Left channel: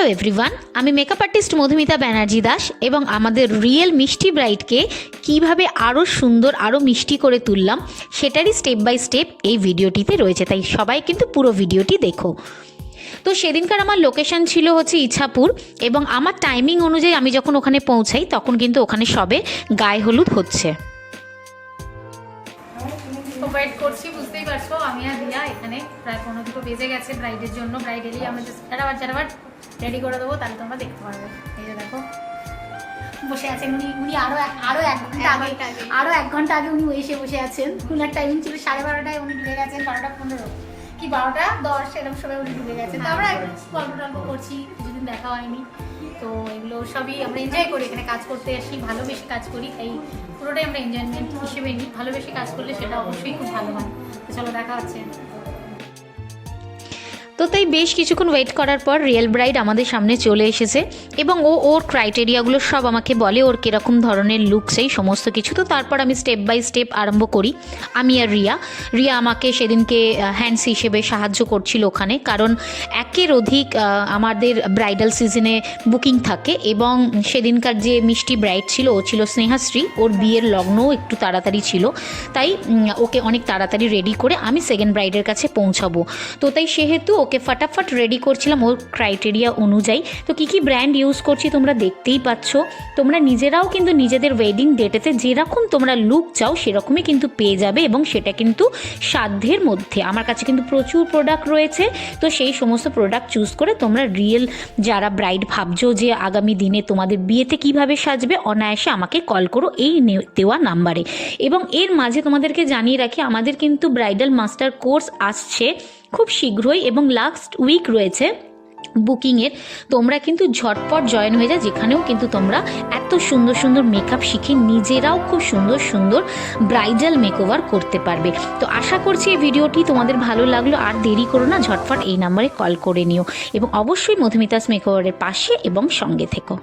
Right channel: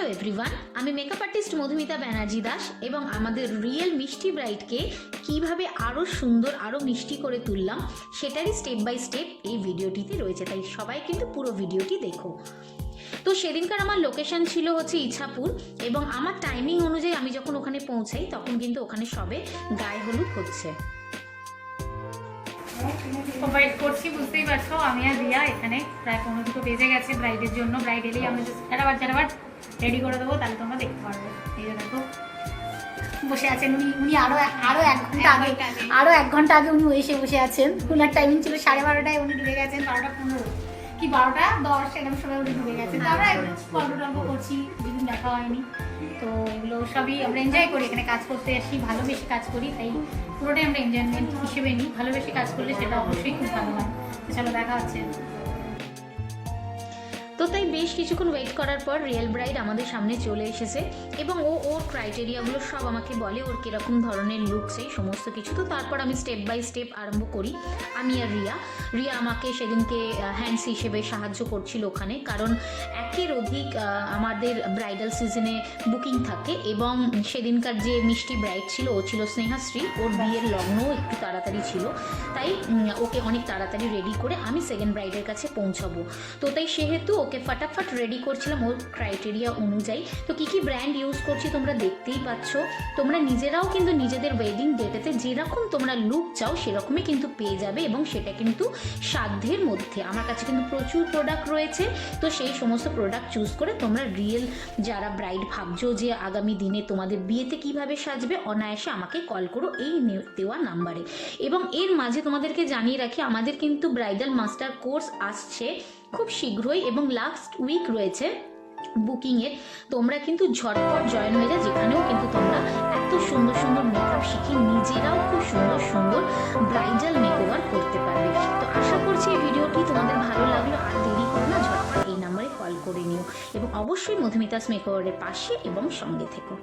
Hello everyone, আমি makeup artist Madhumita Banerjee Das এবং আমাদের রিয়েল মিষ্টি ব্রাইডকে কিভাবে আরও সুন্দর আরও মিষ্টি করে তুললাম সেটারই স্টেপ বাই স্টেপ এই ভিডিওটিতে রয়েছে, তাই সবাই কিন্তু পুরো ভিডিওটি দেখো। তো সেদিনকার আমার লোকেশন ছিল হচ্ছে ইছাপুর এবং আমার টাইমিং অনুযায়ী আমি যখন ওখানে পৌঁছাই তখন কিন্তু ওখানে সবে গায়ে হলুদ হচ্ছে। ওয়েট করছি, বুঝতেই পারছো আমি আর রিয়া এখানে প্রায় 15 দুটো বেজে গেছে ব্রাইডের জন্য। ব্রাইড এলেই আমরা ঝাড়াবার রেডি করে দেবো, তাহলে তোমরা দেখতে পারবে। এই যে দেখো বসে আছেন উনি আরো এক ঘন্টা আগে উনি এসে বসে আছেন। ওনার টাইমিং ছিল 12:30টায়, উনি ঢুকে গেছেন 12:15 কি 12:10 এরকম সময় উনি ঢুকে গেছেন। তো আমরা গল্প করছি, কিছুদিন দেখা হয়নি, তো এগুলো সবই আমরা এনজয় করি। এখানে কাজ করতে আসি, ভালোবেসে কাজ করি, তাই পুরোটাই আমরা এনজয়মেন্ট হিসেবে নিই। ভালোবেসে কাজ করলে সেটা অবশ্যই খুব ভালো হয়। তো চলো দেখা হচ্ছে। তো তাই বেশ কিছুক্ষণ ওয়েট করার পর রিয়েল ব্রাইড আমাদের সামনে চলে এসেছে এবং ওর ক্রাইটেরিয়াগুলো সব আমাকে বলে, ওর কীরকম ধরনের লুক সেই সমস্ত কিছু। তো তারপর আমি স্টেপ বাই স্টেপ আরম্ভ করি। আমি আর রিয়া আমাকে সেদিনকে হ্যান্ডস হিসেবে সাহায্য করছিল ওখানে, কারণ একের অধিক আমাদের ব্রাইডাল সিজনে বুকিং থাকে এবং সেদিনকার যে মিষ্টি ব্রাইড ছিল ও ছিল স্নেহাশ্রী, ওর বিয়ের লগ্নও একটু তাড়াতাড়ি ছিল, তাই ওকে অনেক তাড়াতাড়ি রেডি করে আমি সেকেন্ড ব্রাইডের কাছে পৌঁছাবো। তো তাই সেহেতু ওকে ফটাফট রেডি করছিলাম ওর ক্রাইটেরিয়া অনুযায়ী। তো কী ব্র্যান্ড ইউজ করছি তোমরা দেখতেই পাচ্ছ। তোমরা নিজেরাও কিন্তু নিজেদের ওয়েডিং ডেটেতে যেরকম তোমরা লুক চাও সেরকমই কিন্তু পেয়ে যাবে এবং সেটা কিন্তু সাধ্যের মধ্যে। আমার কাছে কিন্তু প্রচুর প্রোডাক্ট রয়েছে, তো সেই সমস্ত প্রোডাক্ট চুজ করে তোমরা রিয়েল যারা ব্রাইড ভাবছো যে আগামী দিনে তোমাদের বিয়েতে কিভাবে সাজবে, অনায়াসে আমাকে কল করো এই দেওয়া নাম্বারে। এবং এর মাঝে তোমাদেরকে জানিয়ে রাখি, আমাদের কিন্তু ব্রাইডাল মাস্টার কোর্স আসছে খুব শীঘ্রই এবং লাস্ট উইক রয়েছে বুকিংয়ের। তোমরা কিন্তু ঝটপট জয়েন হয়ে যাও, যেখানেও কিন্তু তোমরা এত সুন্দর সুন্দর মেকআপ শিখে নিজেরাও খুব সুন্দর সুন্দর ব্রাইডাল মেকওভার করতে পারবে। তো আশা করছি এই ভিডিওটি তোমাদের ভালো লাগলো। আর দেরি করো না, ঝটপট এই নাম্বারে কল করে নিও এবং অবশ্যই মধুমিতাস মেকওভারের পাশে এবং সঙ্গে থেকো।